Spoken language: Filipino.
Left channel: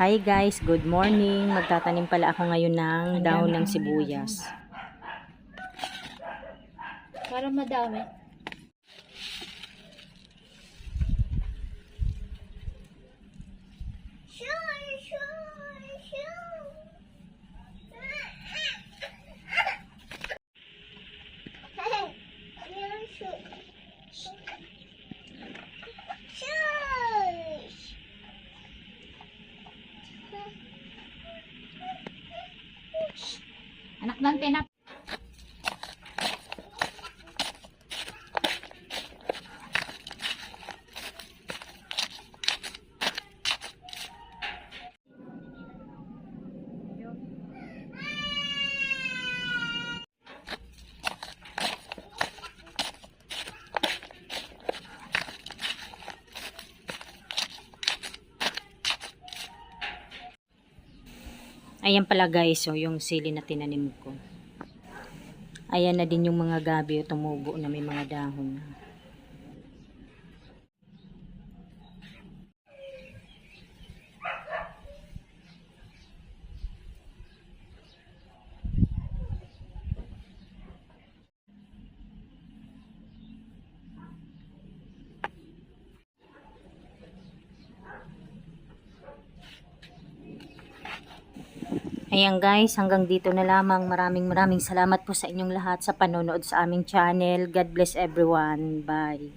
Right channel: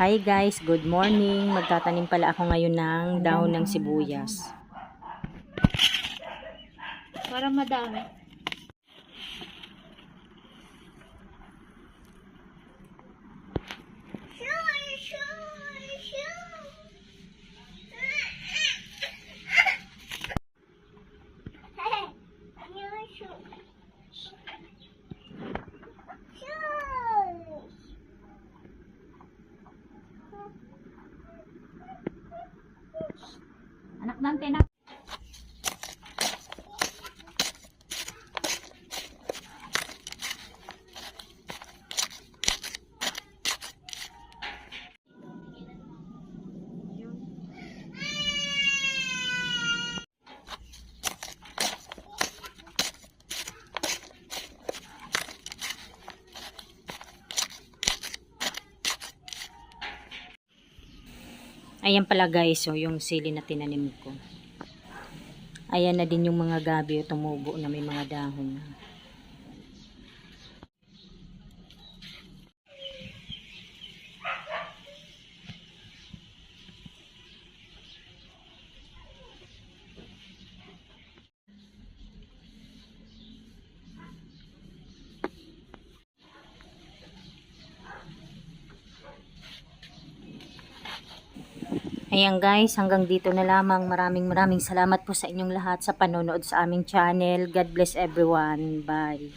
Hi guys, good morning. Magtatanim pala ako ngayon ng dahon ng sibuyas. Para madami. Anak ng tinak. Ayan pala guys, so yung sili na tinanim ko. Ayan na din yung mga gabi tumubo na may mga dahon na. Ayan guys, hanggang dito na lamang. Maraming salamat po sa inyong lahat sa panonood sa aming channel. God bless everyone. Bye.